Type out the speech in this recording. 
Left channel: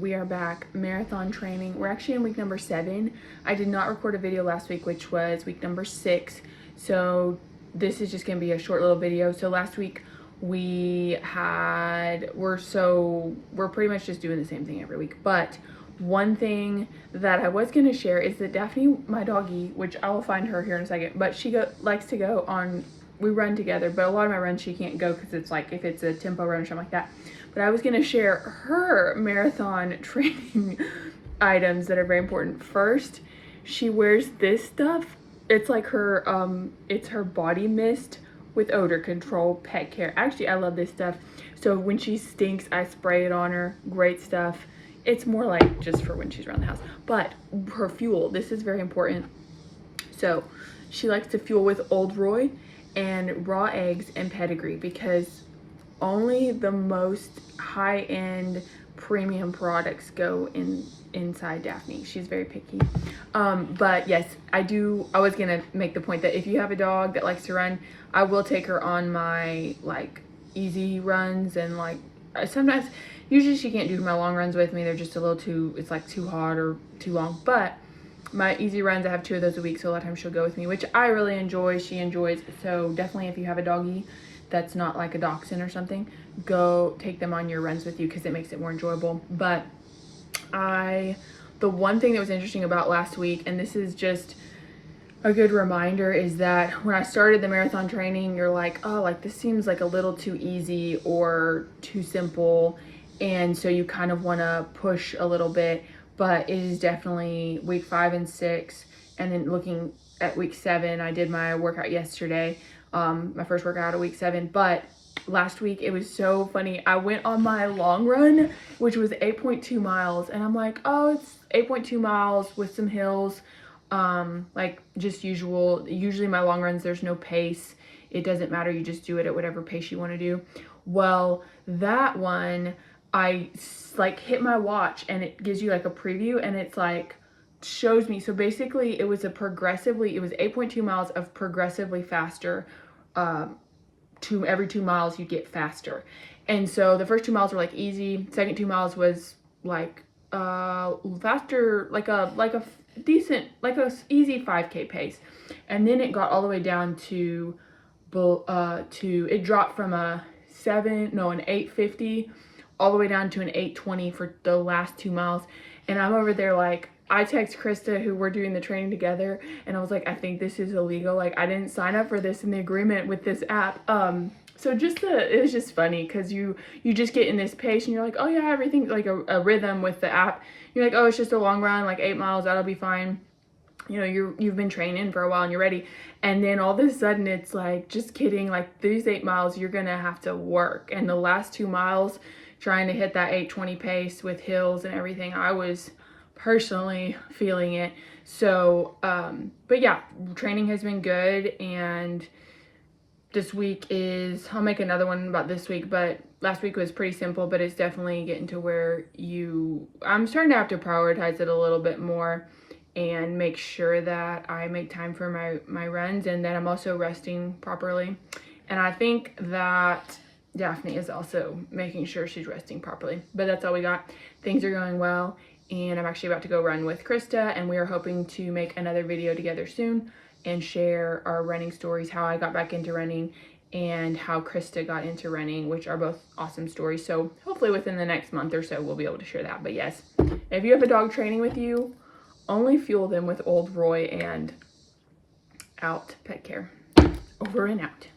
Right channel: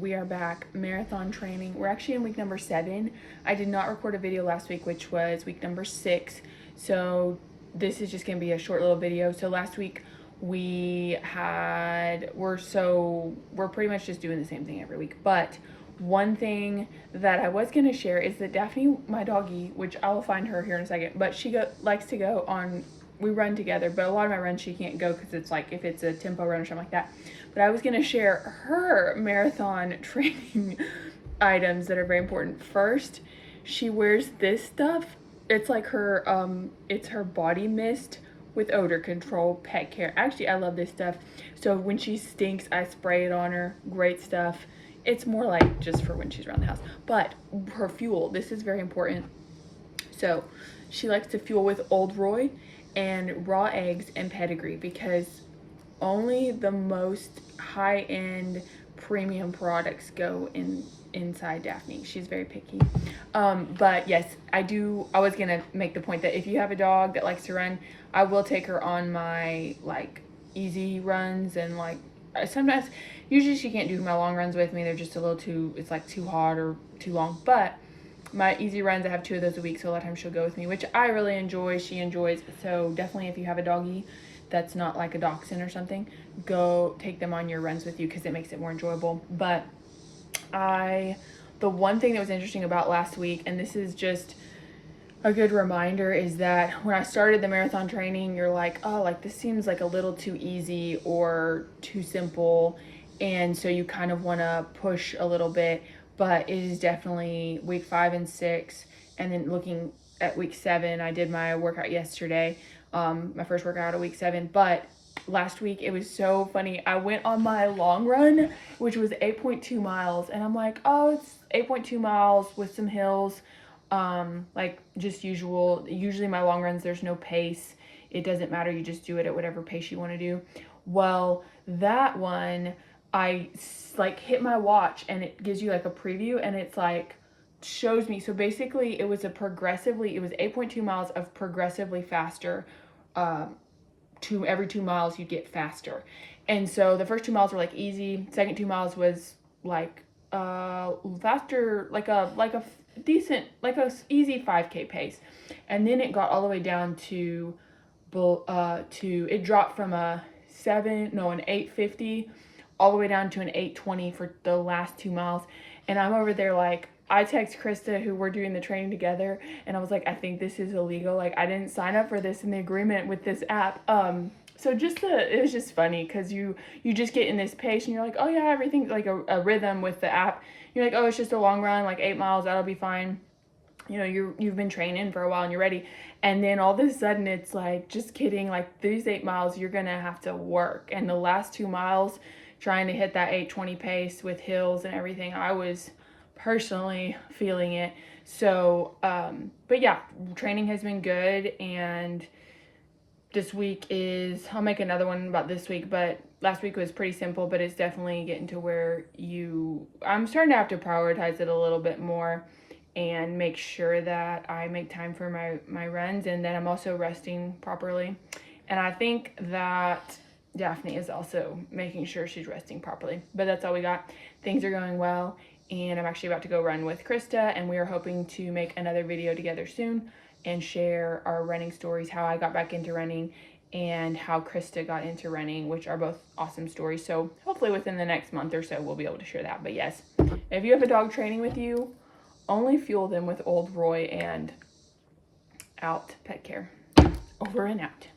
we are back marathon training. We're actually in week number 7. I did not record a video last week, which was week number 6. So this is just gonna be a short little video. So last week we're pretty much just doing the same thing every week. But one thing that I was gonna share is that Daphne, my doggie, which I will find her here in a second, but she likes to go on, we run together, but a lot of my runs she can't go because it's like if it's a tempo run or something like that. But I was gonna share her marathon training items that are very important. First, she wears this stuff. It's like her, it's her body mist with odor control, pet care. Actually, I love this stuff. So when she stinks, I spray it on her. Great stuff. It's more like just for when she's around the house. But her fuel, this is very important. So she likes to fuel with Old Roy and raw eggs and pedigree, because only the most high-end premium products go inside Daphne. She's very picky. But yes, I was gonna make the point that if you have a dog that likes to run, I will take her on my like easy runs, and like sometimes, usually she can't do my long runs with me. They're just a little too, it's like too hard or too long. But my easy runs, I have 2 of those a week, so a lot of times she'll go with me, which I really enjoy. She enjoys. So definitely, if you have a doggie that's not like a dachshund or something, go take them on your runs with you, because it makes it more enjoyable. But the one thing that was interesting about last week, and this is just a good reminder, is that when I started the marathon training, you're like, oh, like this seems like a little too easy or too simple, and so you kind of want to push a little bit. But it is definitely week 5 and 6, and then looking at week 7, I did my workout yesterday, my first workout of week 7. But last week it was so funny. I went on my long run, which was 8.2 miles, and I'm like, oh, it's 8.2 miles with some hills, like just usual. Usually my long runs, there's no pace. It doesn't matter. You just do it at whatever pace you want to do. Well, that one, I like hit my watch and it gives you like a preview, and it's like shows me. So basically it was 8.2 miles of progressively faster, every 2 miles you get faster. And so the first 2 miles were like easy. Second 2 miles was like faster, like a decent, like a easy 5K pace. And then it got all the way down to it dropped from an 850 all the way down to an 820 for the last 2 miles. And I'm over there like, I text Krista, who we're doing the training together, and I was like, I think this is illegal. Like, I didn't sign up for this in the agreement with this app. So it was just funny, because you just get in this pace and you're like, oh yeah, everything's like a rhythm with the app. You're like, oh, it's just a long run, like 8 miles, that'll be fine. You know, you've been training for a while and you're ready. And then all of a sudden it's like, just kidding, like these 8 miles, you're gonna have to work. And the last 2 miles, trying to hit that 820 pace with hills and everything, I was personally feeling it. So, but yeah, training has been good, and this week I'll make another one about this week, but last week was pretty simple, but it's definitely getting to where I'm starting to have to prioritize it a little bit more and make sure that I make time for my runs, and that I'm also resting properly. And I think that Daphne is also making sure she's resting properly. But that's all we got. Things are going well, and I'm actually about to go run with Krista, and we are hoping to make another video together soon and share our running stories, how I got back into running and how Krista got into running, which are both awesome stories. So hopefully within the next month or so, we'll be able to share that. But yes, if you have a dog training with you, only fuel them with Old Roy and Out Pet Care. Over and out.